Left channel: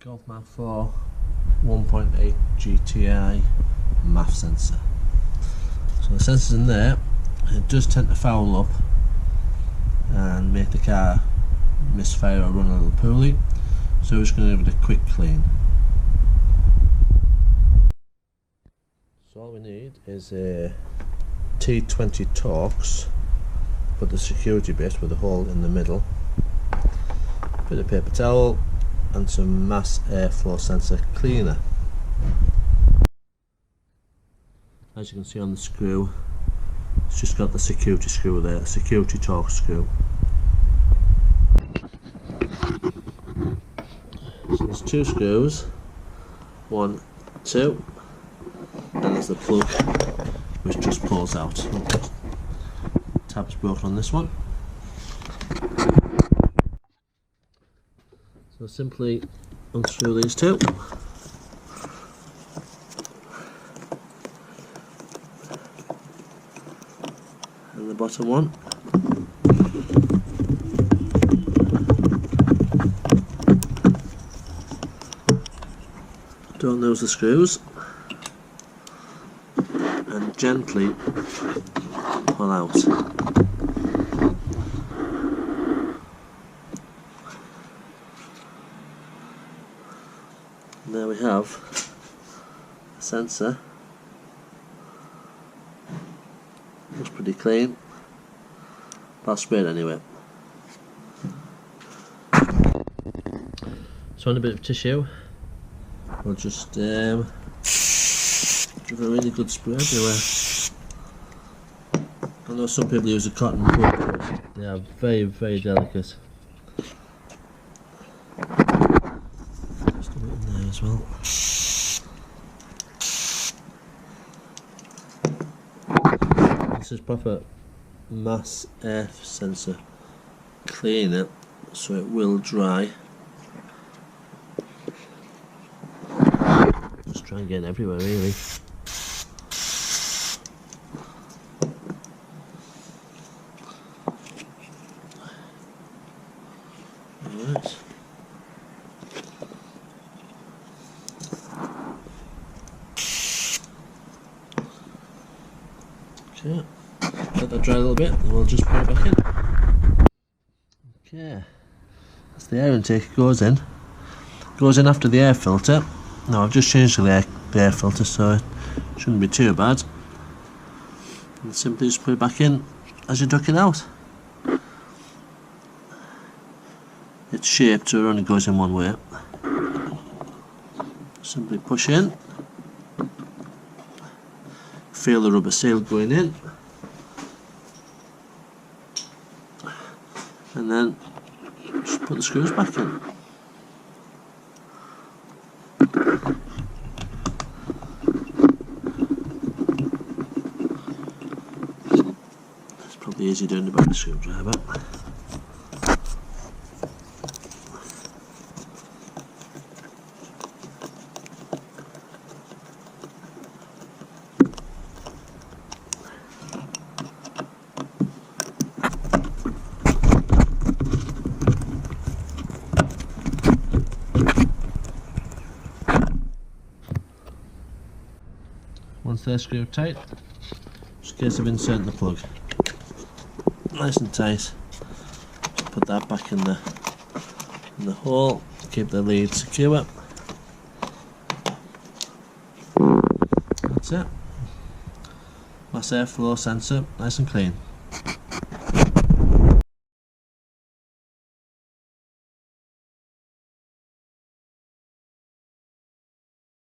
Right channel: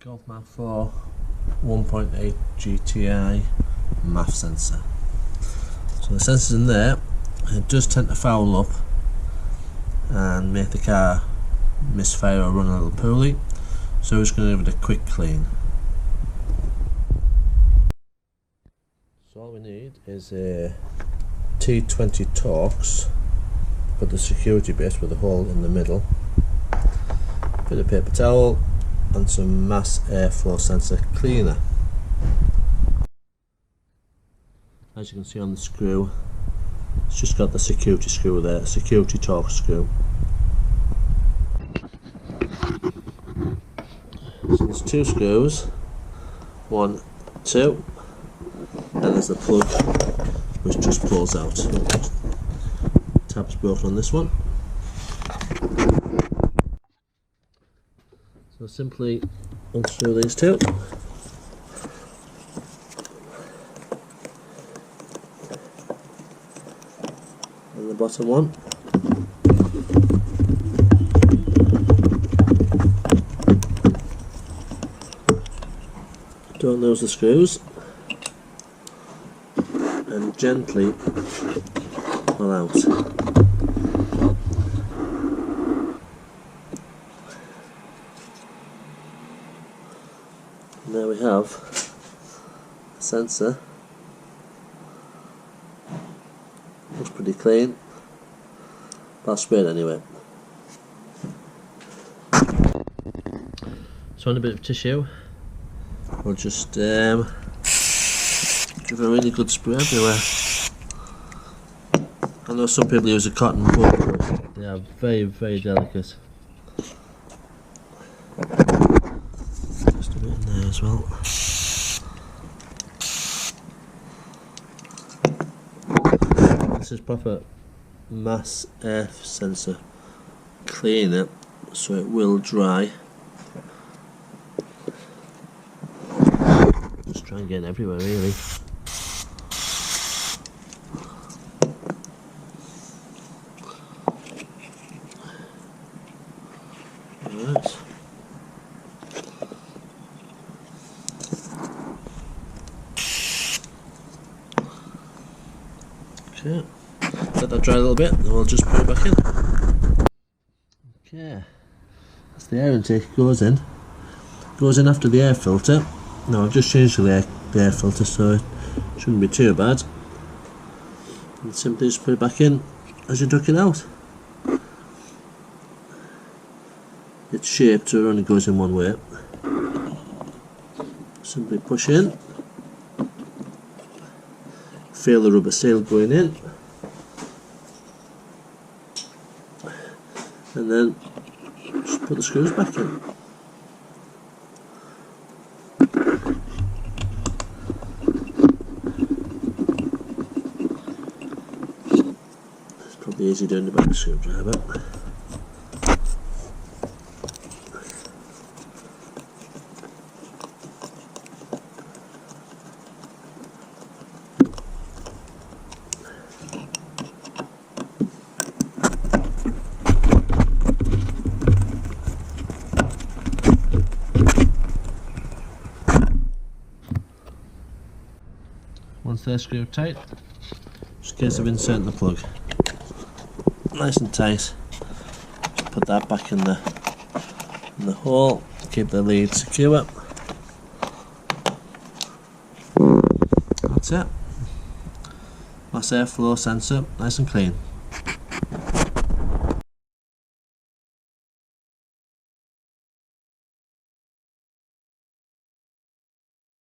Golf Mk4 1.8 GTi MAF sensor. So the sensor's in there, and it does tend to foul up and make the car misfire or run a little poorly, so we're just going to give it a quick clean. So all we need is a T20 Torx, put the security bit with a hole in the middle, bit of paper towel and some mass airflow sensor cleaner. As you can see on the screw, it's just got the security screw there, security Torx screw. So there's two screws, 1, 2, and there's the plug which just pulls out. Oh, tab's broken on this one. So simply unscrew these two. And the bottom one. Don't lose the screws. And gently pull out. And there we have a sensor. Looks pretty clean, but I'll spray it anyway. So on a bit of tissue, we'll just give a really good spray everywhere. I know some people use a cotton bud, but they are very, very delicate. Just a bit in there as well. This is proper mass air sensor cleaner, so it will dry. Just try and get it everywhere really. Alright. Okay, let that dry a little bit and we'll just put it back in. Okay, that's the air intake. It goes in after the air filter. Now I've just changed the air filter, so it shouldn't be too bad. And simply just put it back in as you duck it out. It's shaped so it only goes in one way. Simply push in. Feel the rubber seal going in, and then just put the screws back in. It's probably easy doing the back of the screwdriver. Once they're screwed tight, just a case of inserting the plug. Nice and tight. Just put that back in the hole, keep the lead secure. That's it. Mass airflow sensor, nice and clean.